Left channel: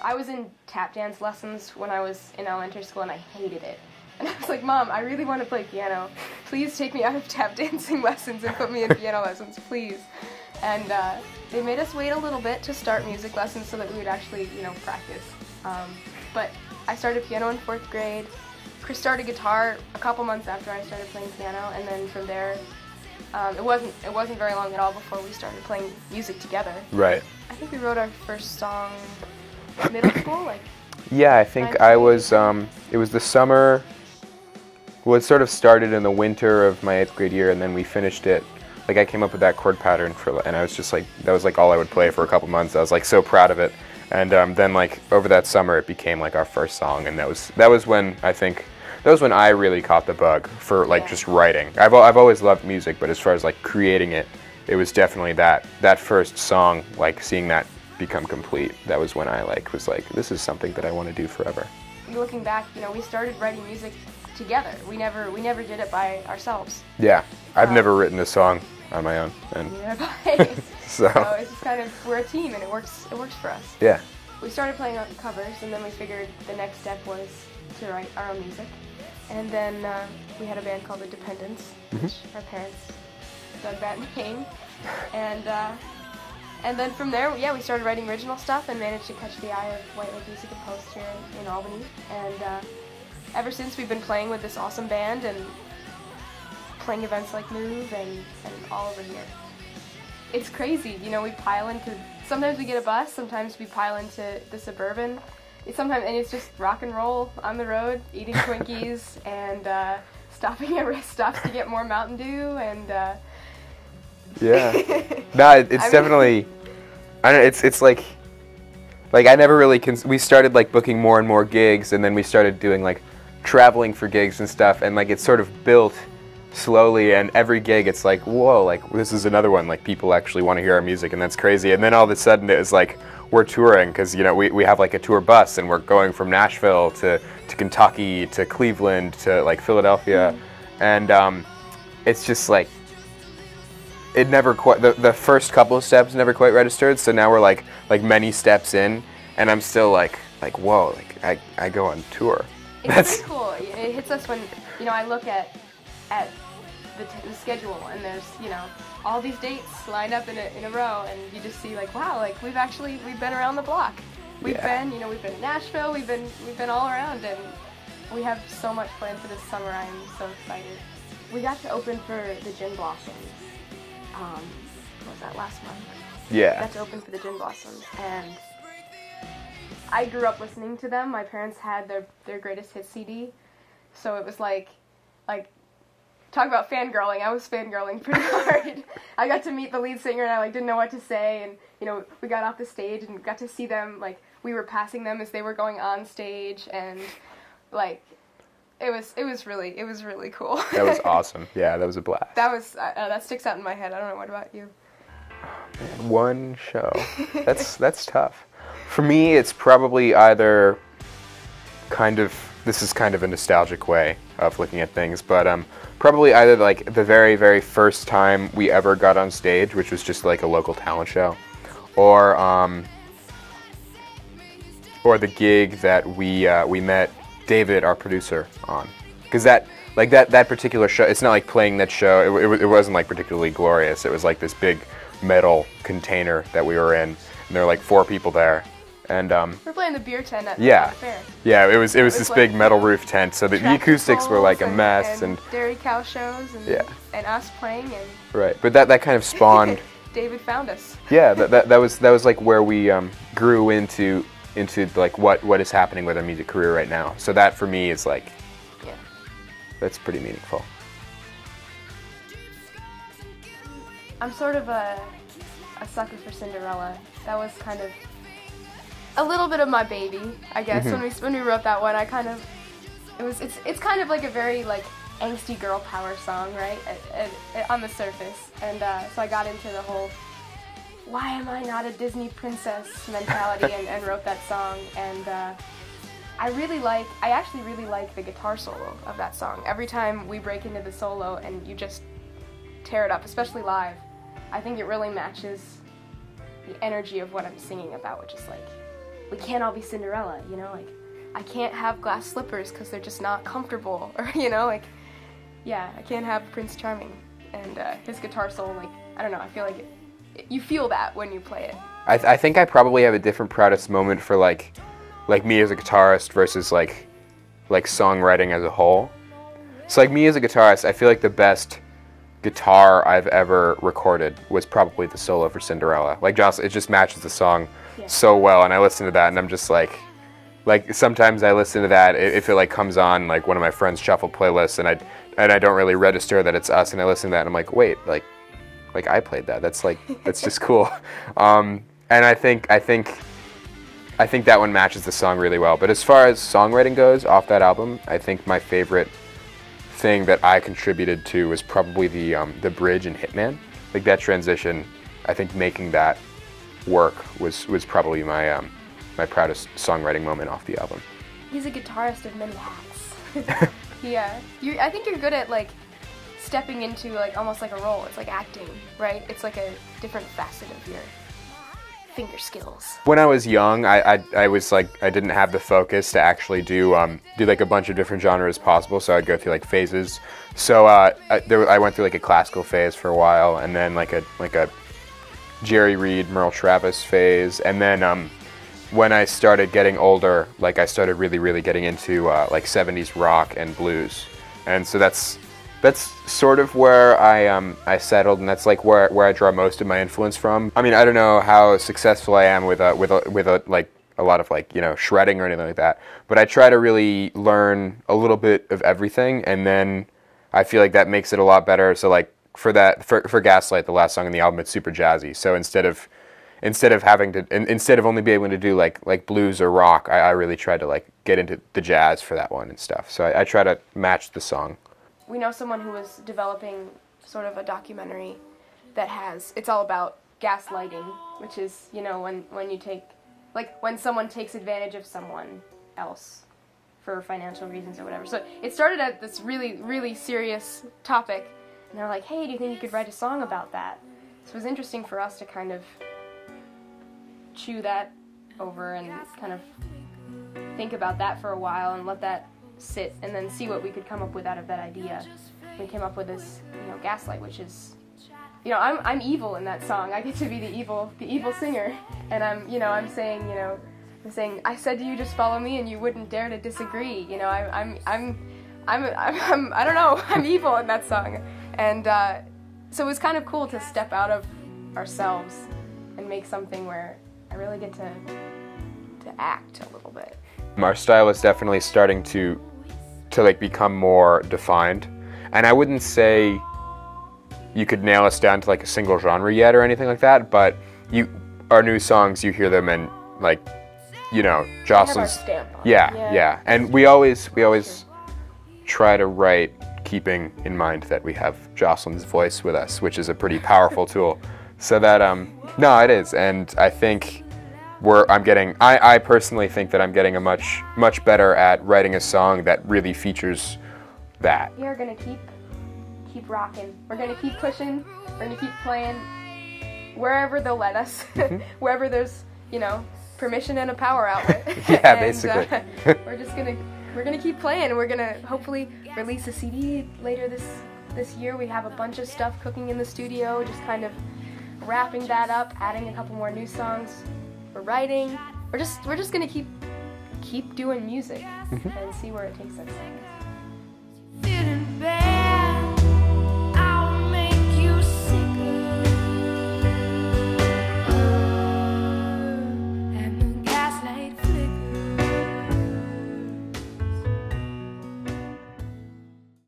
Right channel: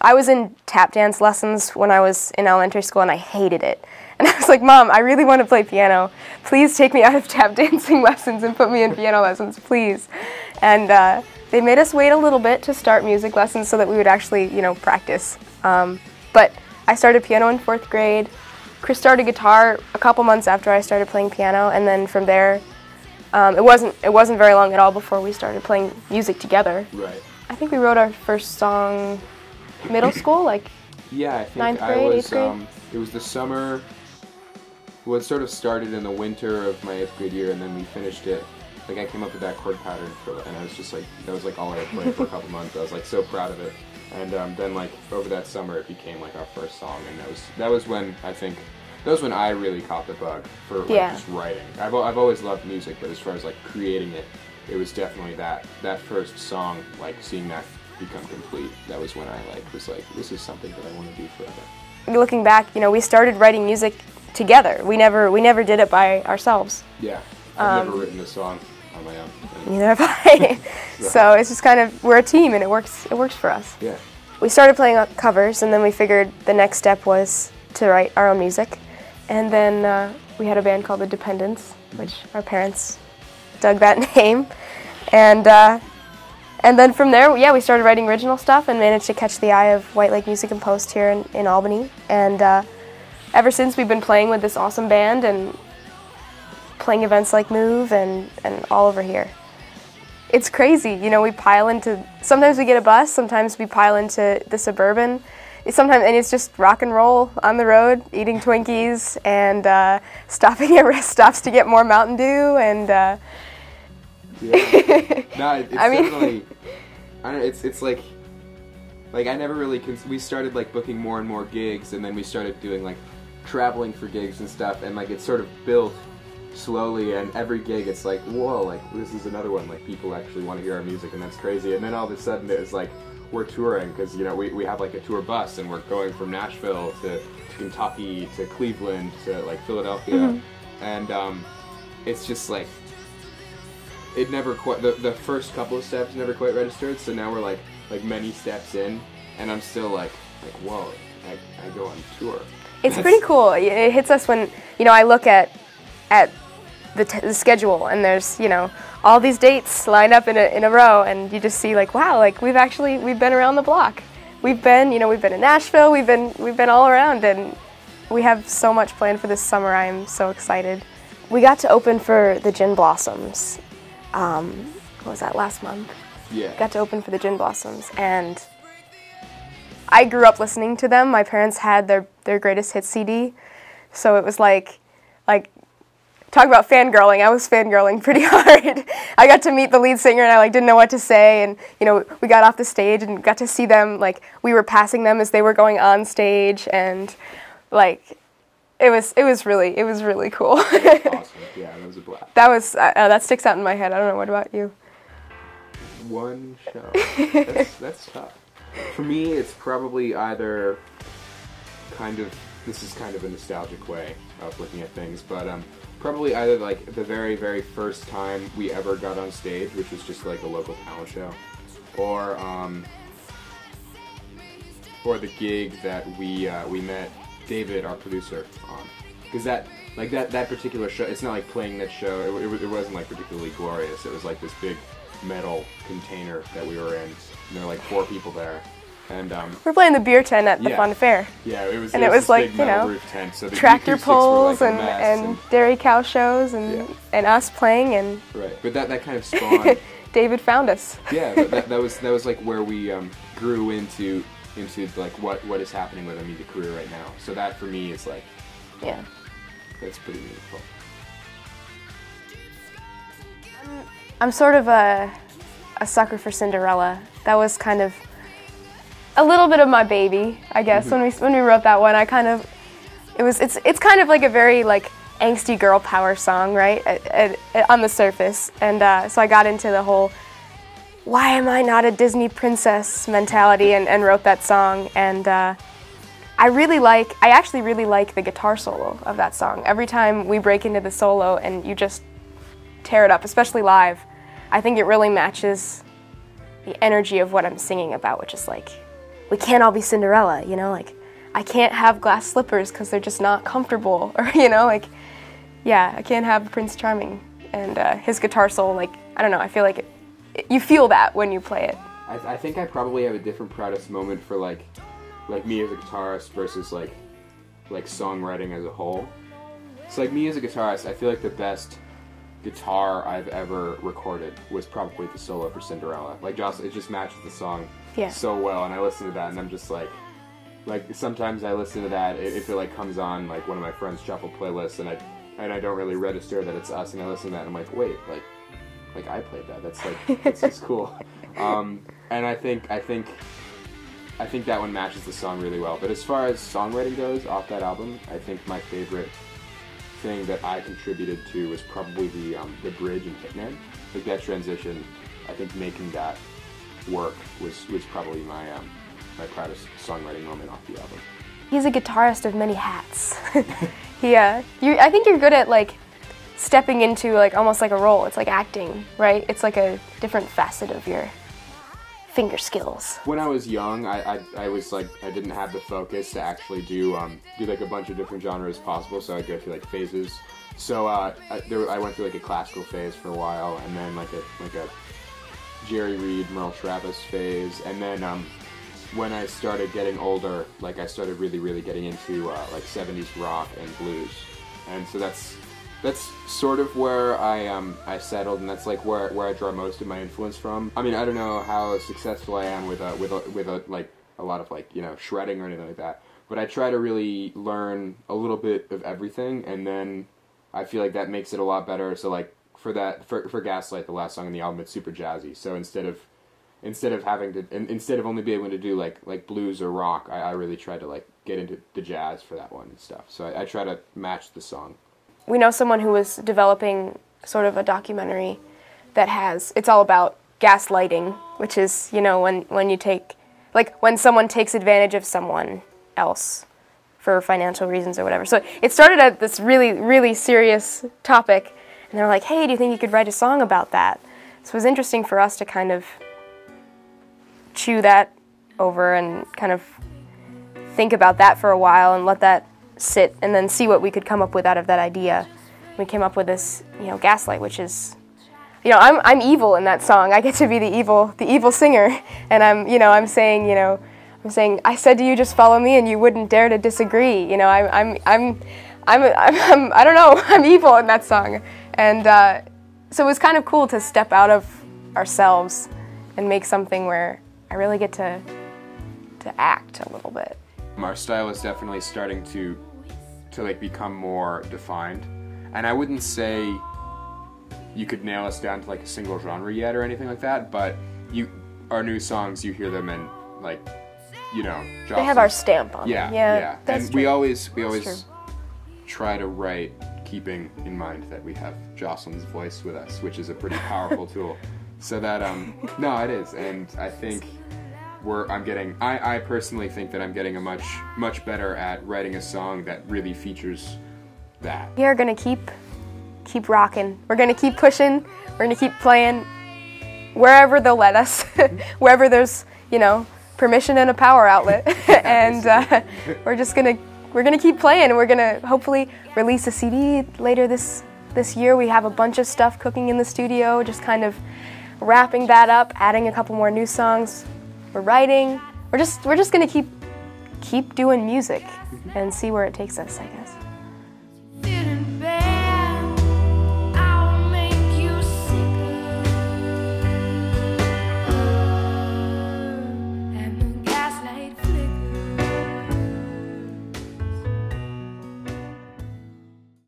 I was in tap dance lessons when I was in elementary school, and I hated it. And I was like, Mom, I really want to play piano. Please take me out of tap dancing lessons and put me in piano lessons, please. And they made us wait a little bit to start music lessons so that we would actually, you know, practice. But I started piano in 4th grade. Chris started guitar a couple months after I started playing piano, and then from there, it wasn't very long at all before we started playing music together. Right. I think we wrote our first song middle school, like. Yeah, I think I was. It was the summer. Well, it sort of started in the winter of my 8th grade year, and then we finished it. Like, I came up with that chord pattern and I was just like, that was like all I would play for a couple months. I was like so proud of it, and then like over that summer, it became like our first song, and that was when I really caught the bug for like just writing. I've always loved music, but as far as like creating it, it was definitely that first song, like seeing that become complete. That was when I was like, this is something that I want to do forever. Looking back, you know, we started writing music together. We never did it by ourselves. Yeah, I've never written a song on my own. Neither have I. So it's just kind of, we're a team, and it works for us. Yeah. We started playing covers, and then we figured the next step was to write our own music. And then we had a band called The Dependents, which our parents dug that name. And then from there, yeah, we started writing original stuff and managed to catch the eye of White Lake Music and Post here in Albany. And ever since, we've been playing with this awesome band and playing events like Move and all over here. It's crazy, you know, we pile into, sometimes we get a bus, sometimes we pile into the Suburban. And it's just rock and roll on the road, eating Twinkies and stopping at rest stops to get more Mountain Dew and. Yeah. No, it's definitely. I don't know. It's like I never really. We started like booking more and more gigs, and then we started doing like traveling for gigs and stuff, and like it sort of built slowly. And every gig, it's like, whoa, like this is another one. Like people actually want to hear our music, and that's crazy. And then all of a sudden, it was like. We're touring because, you know, we have like a tour bus, and we're going from Nashville to Kentucky to Cleveland to like Philadelphia, and it's just like it never quite the first couple of steps never quite registered. So now we're like many steps in, and I'm still like whoa, like I go on tour. It's pretty cool. It hits us when, you know, I look at the schedule, and there's, you know, all these dates lined up in a row, and you just see like, wow, like we've been around the block. We've been in Nashville, we've been all around, and we have so much planned for this summer. I'm so excited. We got to open for the Gin Blossoms. What was that, last month? Yeah. Got to open for the Gin Blossoms, and I grew up listening to them. My parents had their greatest hits CD, so it was like talk about fangirling. I was fangirling pretty hard. I got to meet the lead singer, and I like didn't know what to say, and you know, we got off the stage and got to see them, like we were passing them as they were going on stage, and like it was really cool. That was awesome. Yeah, that was a blast. That sticks out in my head. I don't know, what about you? One show. That's tough. For me, it's probably either this is kind of a nostalgic way of looking at things, but probably either like the very, very first time we ever got on stage, which was just like a local talent show, or the gig that we met David, our producer, on. Because that particular show, it's not like playing that show, it wasn't like particularly glorious. It was like this big metal container that we were in, and there were like 4 people there. And we're playing the beer tent at the Fun Fair. Yeah, it was this like, big metal roof tent, so the acoustics were like a mess. And dairy cow shows and us playing and. Right, but that kind of spawned. David found us. Yeah, that was like where we grew into like what is happening with our music career right now. So that for me is like. Yeah. That's pretty meaningful. I'm sort of a sucker for Cinderella. That was kind of a little bit of my baby, I guess. Mm-hmm. When we wrote that one, it's kind of like a very like angsty girl power song, right? On the surface, and so I got into the whole "why am I not a Disney princess" mentality and wrote that song. And I actually really like the guitar solo of that song. Every time we break into the solo and you just tear it up, especially live, I think it really matches the energy of what I'm singing about, which is like we can't all be Cinderella, you know, like I can't have glass slippers because they're just not comfortable, or you know, like yeah, I can't have Prince Charming and his guitar solo. Like I don't know, I feel like you feel that when you play it. I think I probably have a different proudest moment for like me as a guitarist versus like songwriting as a whole. So like me as a guitarist, I feel like the best guitar I've ever recorded was probably the solo for Cinderella. Like Jocelyn, it just matches the song so well, and I listen to that and I'm just like sometimes I listen to that if it like comes on like one of my friends' shuffle playlists and I don't really register that it's us, and I listen to that and I'm like, wait, like I played that. That's like that's just cool. And I think that one matches the song really well. But as far as songwriting goes off that album, I think my favorite thing that I contributed to was probably the bridge in Hitman. Like that transition, I think making that work was probably my my proudest songwriting moment off the album. He's a guitarist of many hats. Yeah, I think you're good at like stepping into like almost like a role. It's like acting, right? It's like a different facet of your finger skills. When I was young, I was like, I didn't have the focus to actually do like a bunch of different genres possible, so I'd go through like phases. So I went through like a classical phase for a while, and then like a Jerry Reed, Merle Travis phase, and then when I started getting older, like I started really getting into like 70s rock and blues, and so that's sort of where I settled, and that's like where I draw most of my influence from. I mean, I don't know how successful I am with like a lot of like, you know, shredding or anything like that, but I try to really learn a little bit of everything, and then I feel like that makes it a lot better. So like for Gaslight, the last song on the album, it's super jazzy. So instead of only being able to do like blues or rock, I really tried to like get into the jazz for that one and stuff. So I try to match the song. We know someone who was developing sort of a documentary that it's all about gaslighting, which is, you know, when someone takes advantage of someone else for financial reasons or whatever. So it started at this really serious topic, and they're like, hey, do you think you could write a song about that? So it was interesting for us to kind of chew that over and kind of think about that for a while and let that sit and then see what we could come up with out of that idea. We came up with this, you know, Gaslight, which is, you know, I'm evil in that song. I get to be the evil singer, and I'm saying, I said to you, just follow me, and you wouldn't dare to disagree. You know, I don't know, I'm evil in that song, and so it was kind of cool to step out of ourselves and make something where I really get to act a little bit. Our style is definitely starting to like become more defined, and I wouldn't say you could nail us down to like a single genre yet or anything like that, but our new songs, you hear them and like, you know, Jocelyn's, they have our stamp on it. Yeah. And we always try to write keeping in mind that we have Jocelyn's voice with us, which is a pretty powerful tool. So that no, it is, and I think I personally think that I'm getting a much better at writing a song that really features that. We are gonna keep rocking. We're gonna keep pushing. We're gonna keep playing wherever they'll let us, wherever there's, you know, permission and a power outlet. And we're gonna keep playing. We're gonna hopefully release a CD later this year. We have a bunch of stuff cooking in the studio, just kind of wrapping that up, adding a couple more new songs. We're writing. We're just gonna keep doing music and see where it takes us, I guess.